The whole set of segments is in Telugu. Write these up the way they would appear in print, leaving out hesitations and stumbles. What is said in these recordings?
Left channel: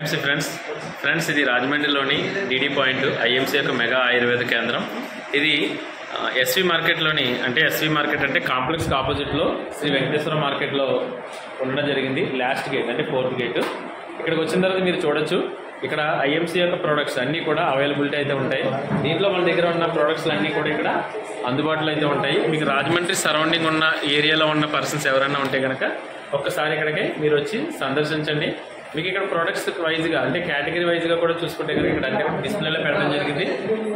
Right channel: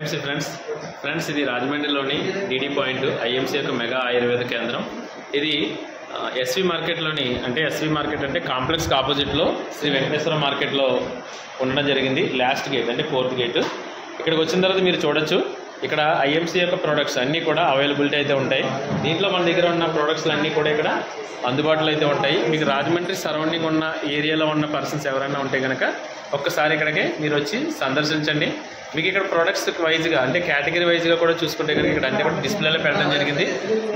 ఫ్రెండ్స్ ఇది రాజమండ్రిలోని డీడీ పాయింట్ ఐఎంసీ యొక్క మెగా ఆయుర్వేద కేంద్రం. ఇది ఎస్వి మార్కెట్లోని ఎస్వి మార్కెట్ అంటే కాంప్లెక్స్కి ఆపోజిట్లో శ్రీ వెంకటేశ్వర మార్కెట్లో ఉండడం జరిగింది. లాస్ట్ గేట్ అంటే 4th గేట్. ఇక్కడికి వచ్చిన తర్వాత మీరు చూడొచ్చు, ఇక్కడ ఐఎంసీ యొక్క ప్రోడక్ట్స్ అన్నీ కూడా అవైలబిలిటీ అయితే ఉంటాయి. దీంట్లో మన దగ్గర ఉన్న ప్రోడక్ట్స్ అన్నీ కూడా ఇక్కడ అందుబాటులో అయితే ఉంటాయి. మీకు రాజమండ్రి సరౌండింగ్ ఉన్న ఏరియాలో ఉన్న పర్సన్స్ ఎవరైనా ఉంటే కనుక ఒక్కసారి ఇక్కడికి మీరు వచ్చి సందర్శించండి. మీకు ఇక్కడ ప్రోడక్ట్స్ వైజ్గా అంటే కేటగిరీ వైజ్గా కూడా చూసుకుంటే కనుక ఇక్కడ అన్ని కూడా డిస్ప్లేలో పెట్టడం జరిగింది.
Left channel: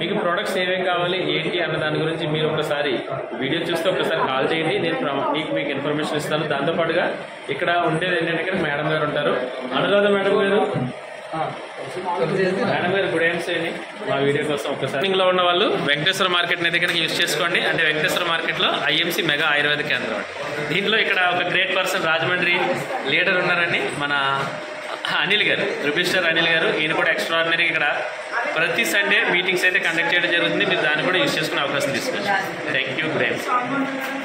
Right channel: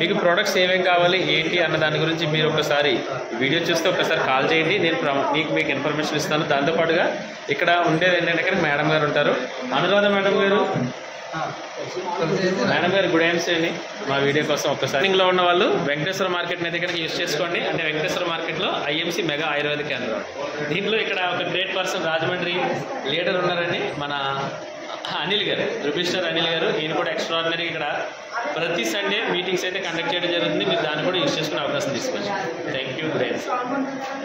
మీకు ప్రోడక్ట్స్ ఏమేమి కావాలి ఏంటి అన్న దాని గురించి మీరు ఒకసారి వీడియో చూస్తే ఒకసారి కాల్ చేయండి. నేను మీకు ఇన్ఫర్మేషన్ ఇస్తాను. దాంతోపాటుగా ఇక్కడ ఉండేది ఏంటంటే మేడం గారు ఉంటారు, అనురాధ మేడం గారు. మేడం గారు గుడ్ ఈవినింగ్ అండి. మా వీడియో కోసం ఒకసారి లో ఉన్న వాళ్ళు వెంకటేశ్వర మార్కెట్ అయితే కనుక యూజ్ చేసుకోండి. అంటే వెంకటేశ్వర మార్కెట్లో ఐఎంసీ మెగా ఆయుర్వేద కేంద్రం. దీంట్లో ఇక్కడ ఒక గ్రేట్ పర్సన్ రాజమండ్రి లీడర్ ఉన్నారండి, మన అనిల్ గారు, రుబిస్టర్ అనిల్ గారు. ఈయన కూడా ఎక్స్ట్రాడినరీ ఇక్కడ ప్రతి సండే మీటింగ్స్ అయితే కండక్ట్ చేయడం జరుగుతుంది. మీరు దాన్ని కూడా యూజ్ చేసుకునే అవకాశం తీసుకోవచ్చు. Thank you, good evening.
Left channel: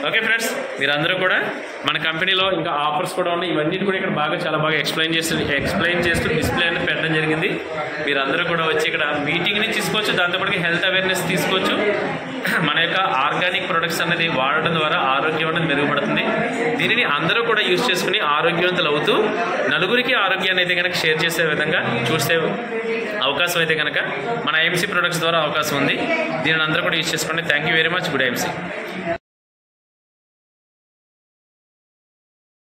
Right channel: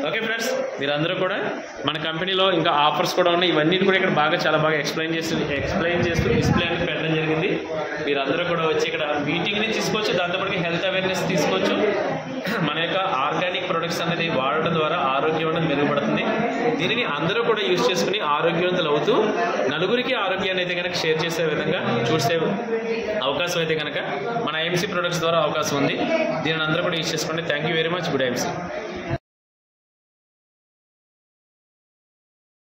Okay friends, మీరందరూ కూడా మన కంపెనీలో ఇంకా ఆఫర్స్ కూడా ఉన్నాయి. ఇవన్నీ కూడా ఇక్కడ చాలా బాగా ఎక్స్ప్లెయిన్ చేస్తూ డిస్ప్లే అనేది పెట్టడం జరిగింది. మీరందరూ కూడా వచ్చి ఇక్కడ మీటింగ్ని తీసుకోవచ్చు. దాంతోపాటు హెల్త్ అవేర్నెస్ తీసుకోవచ్చు. మన యొక్క ఆర్గానిక్ ప్రొడక్ట్స్ అనేది వాడడం ద్వారా ఆరోగ్యం అనేది మెరుగుపడుతుంది. దీనిని అందరూ కూడా యూజ్ చేసుకుని ఆరోగ్యవంతులు అవుతూ నలుగురికి ఆరోగ్యాన్ని అయితే కనుక షేర్ చేసే విధంగా చూసే అవకాశం అయితే కనుక మన ఐఎంసీ ప్రొడక్ట్స్ ద్వారా అవకాశం ఉంది. దీనిని అందరూ కూడా యూజ్ చేసుకోండి. Thank you very much. Good IMC.